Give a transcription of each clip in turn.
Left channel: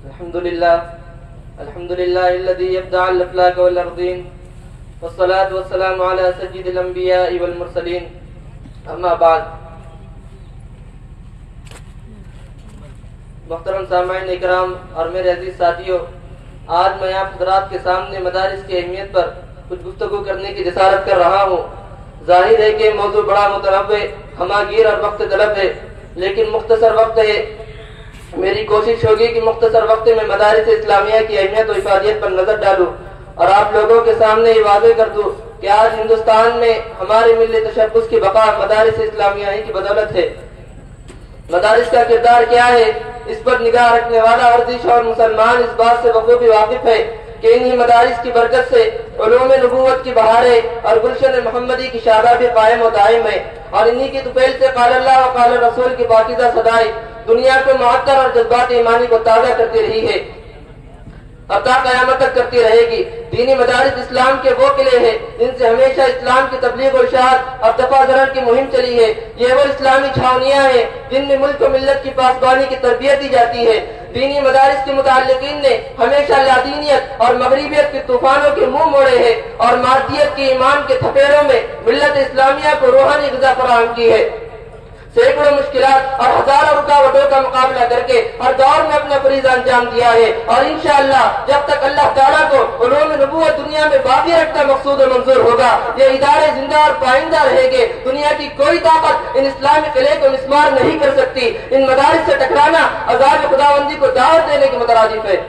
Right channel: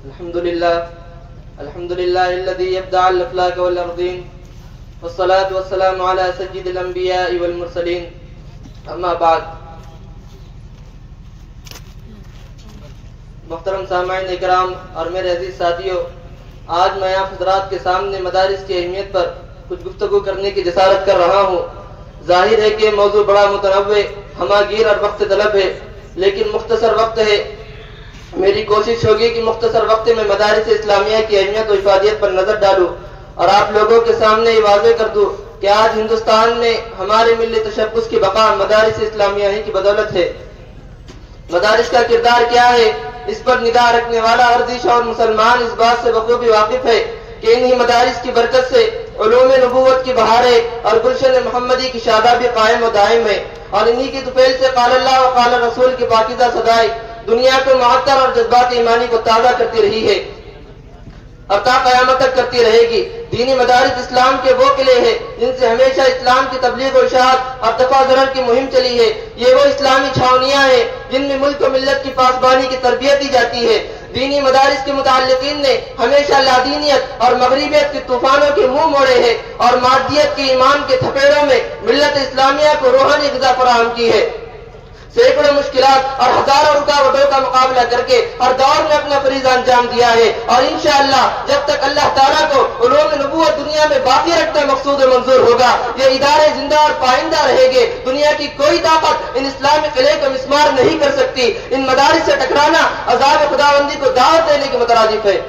الحمد لله الذي يبدع الأفلاك والأرضين والصلاة والسلام على سيد الأنبياء والمرسلين اما بعد. محترم سامعین اکرام اور میرے عزیز ساتھیوں، آج میں آپ حضرات کے سامنے مدارس کی اہمیت پر کچھ گفتگو کرنے کی جسارت کر رہا ہوں. ظاہر ہے کہ موضوع بڑا متنوع، ہماگیر اور وقت طلب ہے، لیکن مختصر وقت ہے. میری کوشش ہوگی کہ مختصر وقت میں مدارس اسلامیہ کی اہمیت و افادیت پر نظر ڈالوں اور آپ لوگوں کے سامنے یہ واضح کر دوں کہ آج ہندوستان میں ہمارے ملی تشخص کی بقا مدارس اسلامیہ ہی کی بدولت ہے. مدارس کا کردار کیا ہے، اس پر نگاہ رکھنے والا ورزش اور مسلمان اس بات سے بخوبی واقف ہے کہ انہی مدارس کی برکت سے علوم نبوت کی بہاریں اور گلشن محمدی کی شادابی قائم و دائم ہے، اور انہی کی طفیل سے قال اللہ و قال رسول کی پاکیزہ صدائیں دنیا کے معطر اور جذبات ایمانی کو تازہ کرتی رہی ہے، اب تا قیامت تک کرتی رہے گی. دینی مدارس اسلام کے وہ قلعے ہیں جن سے ہمیشہ اسلام کی تبلیغ و اشاعت اور دفع ضرر کی مہم چلی ہے. یہ وہ اسلامی چھاونیاں ہیں جن میں ملک و ملت کی پاسبانی کی تربیت دی جاتی ہے. دینی مدارس کے متعلقین نے ہمیشہ لادینیت اور مغربیت کے طوفانوں کے منہ موڑے ہیں اور مادیت کے ایمان کے تھپیڑوں میں ملت اسلامیہ کو روحانی غذا فراہم کی ہے. سینکڑوں مشکلات اور ہزاروں رکاوٹوں کا مقابلہ کر کے ہر دور میں اپنا فریضہ انجام دیا ہے، اور انشاءاللہ جب تک اللہ تعالیٰ کو علوم نبوت دنیا میں باقی رکھنا مقصود و منظور ہوگا، یہ ادارے زندہ اور پائندہ رہے گے. دنیا کی کوئی طاقت ان اسلامی قلعے کو مسمار نہیں کر سکتی. ان مدارس سے ٹکرانا عذاب خداوندی کو دعوت دینے کے مترادف ہے.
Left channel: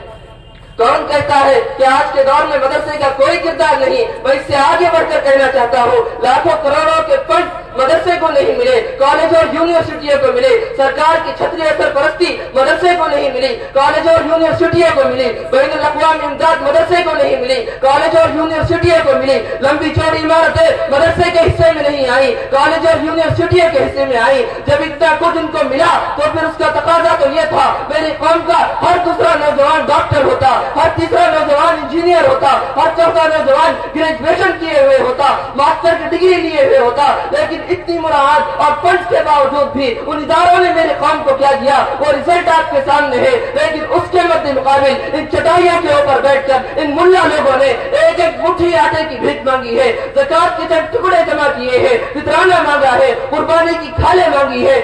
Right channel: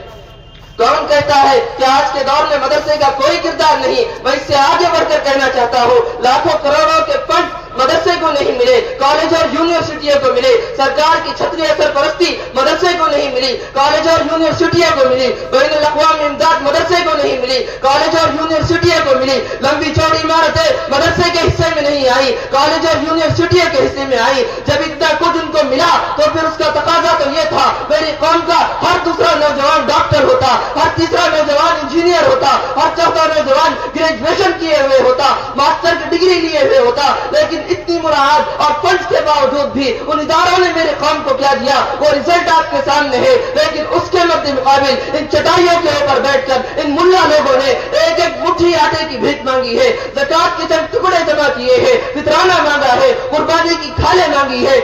کون کہتا ہے کہ آج کے دور میں مدرسے کا کوئی کردار نہیں؟ میں اس سے آگے بڑھ کر کہنا چاہتا ہوں، لاکھوں کروڑوں کے فنڈ مدرسے کو نہیں ملے، کالج اور یونیورسٹیوں کو ملے. سرکار کی چھتری سرپرستی مدرسے کو نہیں ملی، کالج اور یونیورسٹیوں کو ملی. بین الاقوامی امداد مدرسے کو نہیں ملی، کالج اور یونیورسٹیوں کو ملی. لمبی چوڑی عمارتیں مدرسے کے حصے میں نہیں آئی، کالج اور یونیورسٹیوں کے حصے میں آئی. جب اتنا کچھ ان کو ملا تو پھر اس کا تقاضا تو یہ تھا میری قوم کا ہر دوسرا نوجوان ڈاکٹر ہوتا، ہر تیسرا نوجوان انجینئر ہوتا، ہر چوتھا نوجوان گریجویشن کیے ہوئے ہوتا، ماسٹر کی ڈگری لیے ہوئے ہوتا. لیکن اتنی مراعات اور فنڈز کے باوجود بھی ان اداروں نے میرے قوم کو کیا دیا وہ رزلٹ آپ کے سامنے ہے. لیکن اس کے مد مقابل ان چٹائیوں کے اوپر بیٹھ کر ان ملا لوگوں نے ایک ایک مٹھی آٹے کی بھیک مانگی ہے، زکوٰۃ کے چند ٹکڑے جمع کیے ہیں، فطرانہ مانگا ہے، قربانی کی کھالیں مانگی ہے،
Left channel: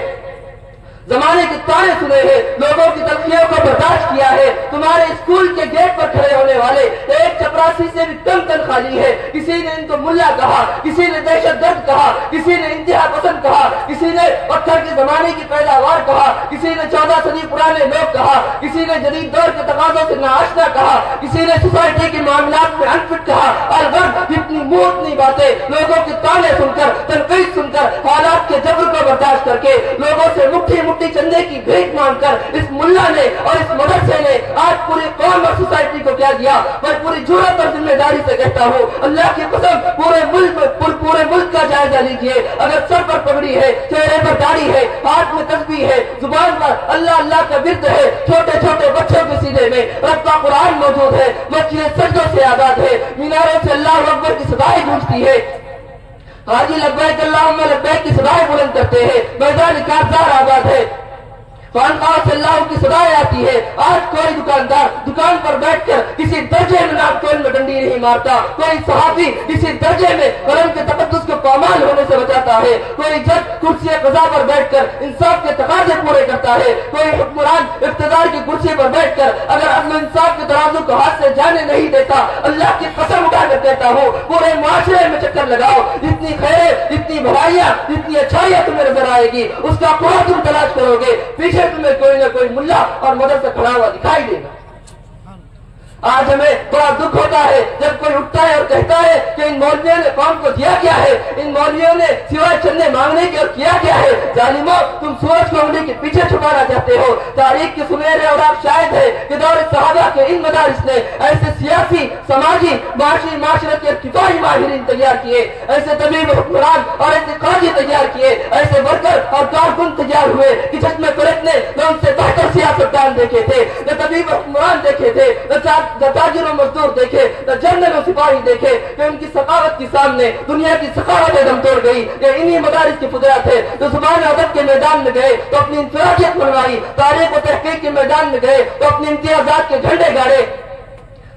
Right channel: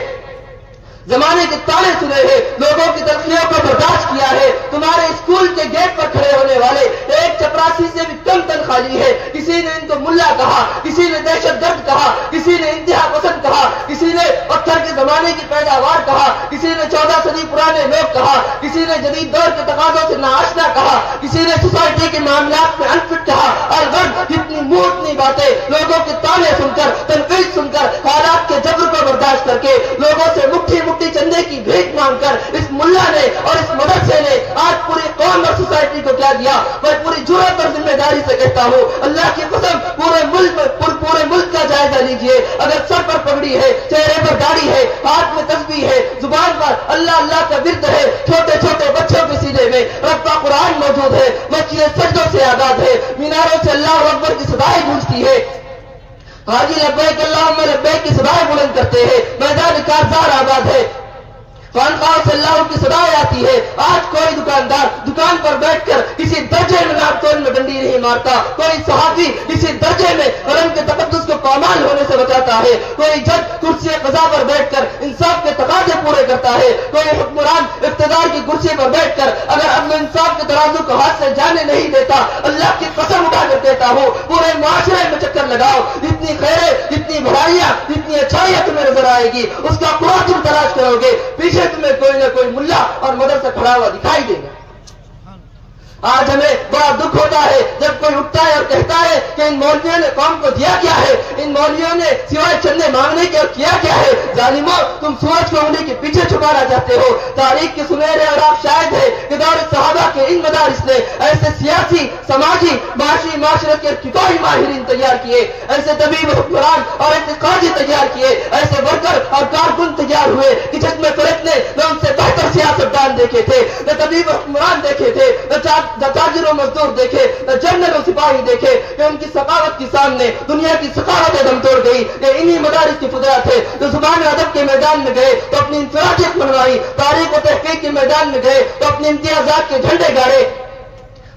زمانے کے تانے سنے ہیں، لوگوں کی تلخیوں کو برداشت کیا ہے. تمہارے اسکول کے گیٹ پر کھڑے ہونے والے ایک چپراسی سے بھی کم تنخواہ لی ہے. کسی نے ان کو ملا کہا، کسی نے دہشت گرد کہا، کسی نے انتہا پسند کہا، کسی نے پتھر کے زمانے کی پیداوار کہا، کسی نے 14 صدی پرانے لوگ کہا، کسی نے جدید دور کے تقاضوں سے ناآشنا کہا، کسی نے سوسائٹی کے معاملات میں انفٹ کہا. اور اتنی اتنی باتیں لوگوں کے تانے سن کر، تنقید سن کر، حالات کے جبر کو برداشت کر کے لوگوں سے مٹھی چندے کی بھیک مانگ کر اس ملا نے اور اس مدرسے نے آج پوری قوم اور سوسائٹی کو کیا دیا. میں پوری جرأت اور ذمہ داری سے کہتا ہوں، اللہ کی قسم پورے ملک کا جائزہ لیجئے. اگر سر پر پگڑی ہے، چہرے پر داڑھی ہے، ہاتھ میں تسبیح ہے، زبان پر اللہ اللہ کا ورد ہے، چھوٹے چھوٹے بچوں کے سینے میں رب کا قرآن موجود ہے، مسجد سجدوں سے آباد ہے، میناروں سے اللہ اکبر کی صدائیں گونجتی ہے، حاجی لبیک اللہم لبیک کی صدائیں بلند کرتے ہیں، میدان کارزار آباد ہے، خانقاہ سے اللہ کی صدائیں آتی ہے. آج کوئی دکاندار دکان پر بیٹھ کر کسی درجے میں ناپتول میں ڈنڈی نہیں مارتا، کوئی صحافی کسی درجے میں قلم کے تقدس کو پامال ہونے سے بچاتا ہے، کوئی جج کرسی قضا پر بیٹھ کر انصاف کے تقاضے پورے کرتا ہے، کوئی حکمران اقتدار کی کرسی پر بیٹھ کر اگر عدل و انصاف کے ترازو کو ہاتھ سے جانے نہیں دیتا. اللہ کی قسم اٹھا کر کہتا ہوں، پورے معاشرے میں چکر لگاؤ، جتنی خیریں، جتنی بھلائیاں، جتنی اچھائیاں تمہیں نظر آئے گی اس کا پورا تم تلاش کرو گے، پیچھے تمہیں کوئی نہ کوئی ملا اور مدرسہ کھڑا ہوا دکھائی دے گا. آج ہمیں بڑا دکھ ہوتا ہے جب کوئی اٹھتا ہے اور کہتا ہے کہ ان مولویوں نے قوم کو دیا کیا ہے، ان مولویوں نے سوائے چندے مانگنے کے اور کیا کیا ہے. ظالموں، تم سورج کو انگلی کے پیچھے چھپانا چاہتے ہو. تاریخ کے سنہرے اور آپ شاہد ہے کہ دور صحابہ کے ان مدارس نے ایسے سیاسی، سماجی، معاشی، معاشرت کے ارتقائی ماہرین تیار کیے، ایسے طبیب حکمران اور ایسے قاضی تیار کیے، ایسے ورکر اور کارکن تیار ہوئے کہ جس میں فلک نے نہ ان سے بہتر سیاستدان دیکھے تھے، نہ طبیب حکمران دیکھے تھے، نہ تاجر و مزدور دیکھے، نہ جنرل و سپاہی دیکھے، کہ ان کی ثقافت کے سامنے دنیا کی ثقافت دم توڑ گئی۔ یہ انہی مدارس کی فضلات ہے جو زبان ادب کے میدان میں گئے تو اپنی انفرادیت منوائی، تاریخ و تحقیق کے میدان میں گئے تو اپنے امتیازات کے جھنڈے گاڑے،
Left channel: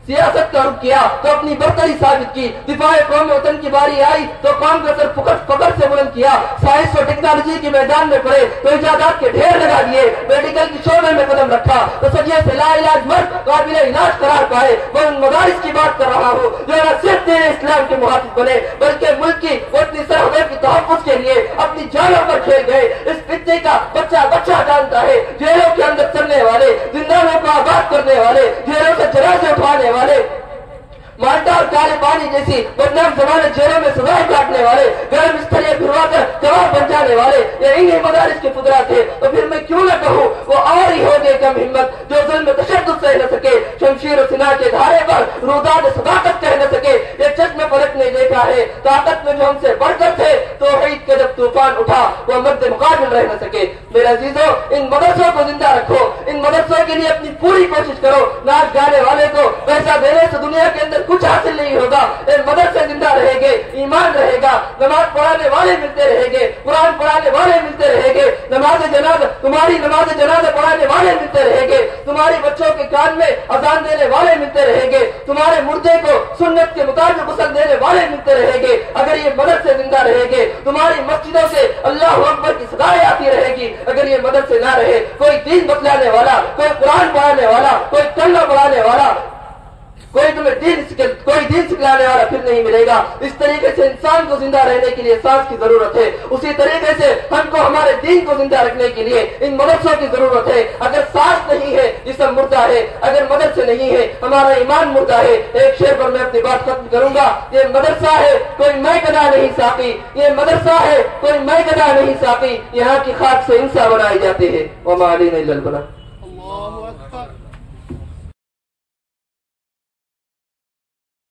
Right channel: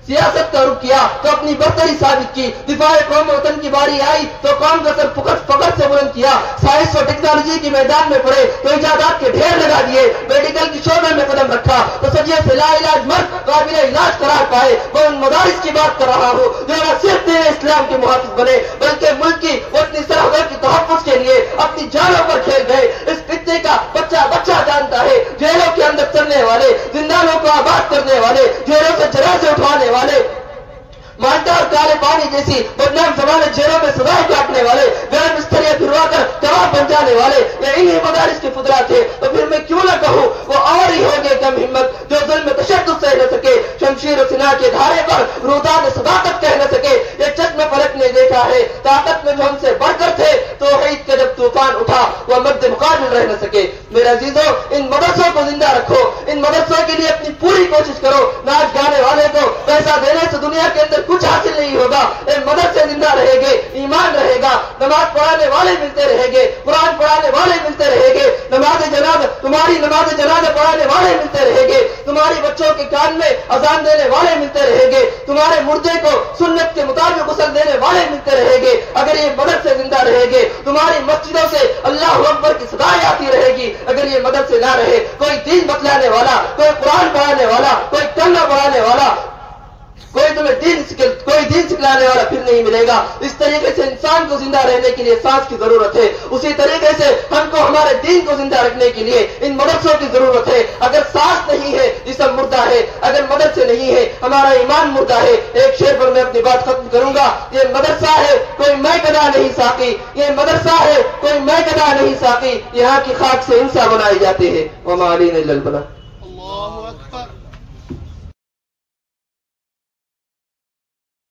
سیاست کا رخ کیا تو اپنی برتری ثابت کی، دفاع قوم و وطن کی باری آئی تو قوم کا سر فخر سے بلند کیا، سائنس و ٹیکنالوجی کے میدان میں پڑے تو ایجادات کے ڈھیر لگا دیے، میڈیکل کے شعبے میں قدم رکھا تو سجیے سے لا علاج مرد قابل علاج قرار پائے۔ میں ان مدارس کی بات کر رہا ہوں جو نہ صرف دین اسلام کے محافظ بنے بلکہ ملک کی اپنی سرحدوں کی تحفظ کے لیے اپنی جانوں پر کھیل گئے۔ اس خطے کا بچہ جانتا ہے، جیلوں کے اندر چلنے والے، زندانوں کو آباد کرنے والے، جیلوں سے جنازے اٹھانے والے، مالٹا اور کالے پانی جیسی بدنام زمانے جیلوں میں سزائیں کاٹنے والے، گرم بستریاں پھروا کر کباب بن جانے والے، یہ انہی مدارس کے فضلات تھے۔ تو پھر میں کیوں نہ کہوں وہ اور ہی ہوگے کم ہمت جو ظلم تشدد سہ نہ سکے، شمشیر و سلاح کے دھارے پر روداد صداقت کہہ نہ سکے۔ یہ چشم فلک نے دیکھا ہے طاقت میں جو ہم سے بڑھ کر تھے، توحید کا جب طوفان اٹھا وہ مد مقابل رہ نہ سکے۔ میرے عزیزوں، ان مدرسوں کو زندہ رکھو، ان مدرسوں کے لیے اپنی پوری کوشش کرو۔ ناچ گانے والے کو پیسہ دینے سے دنیا کے اندر کچھ حاصل نہیں ہوگا، مدرسے زندہ رہے گے، ایمان رہے گا، نماز پڑھانے والے ملتے رہیں گے، قرآن پڑھانے والے ملتے رہیں گے، تمہاری نماز جنازہ پڑھانے والے ملتے رہیں گے، تمہاری بچوں کے کان میں اذان دینے والے ملتے رہیں گے، تمہارے مردے کو سنت کے مطابق غسل دینے والے ملتے رہیں گے۔ اگر یہ مدرسے زندہ رہیں گے تمہاری مسجدوں سے اللہ اکبر کی صدائیں آتی رہے گی۔ اگر یہ مدرسے نہ رہے، کوئی دین بتلانے والا، کوئی قرآن پڑھانے والا، کوئی کلمہ پڑھانے والا، کوئی تمہیں دین سکھلانے والا پھر نہیں ملے گا۔ اس طریقے سے انسان کو زندہ رہنے کے لیے سانس کی ضرورت ہے، اسی طریقے سے ہم کو ہمارے دین کو زندہ رکھنے کے لیے ان مدرسوں کی ضرورت ہے۔ اگر سانس نہیں ہے جسم مردہ ہے، اگر مدرسے نہیں ہے ہمارا ایمان مردہ ہے۔ ایک شعر پر میں اپنی بات ختم کروں گا، یہ مدرسہ ہے کوئی میں گدا نہیں ساقی، یہ مدرسہ ہے کوئی میں گدا نہیں ساقی، یہاں کی خاک سے انسان بنائے جاتے ہیں۔ وما علینا الا البلاغ۔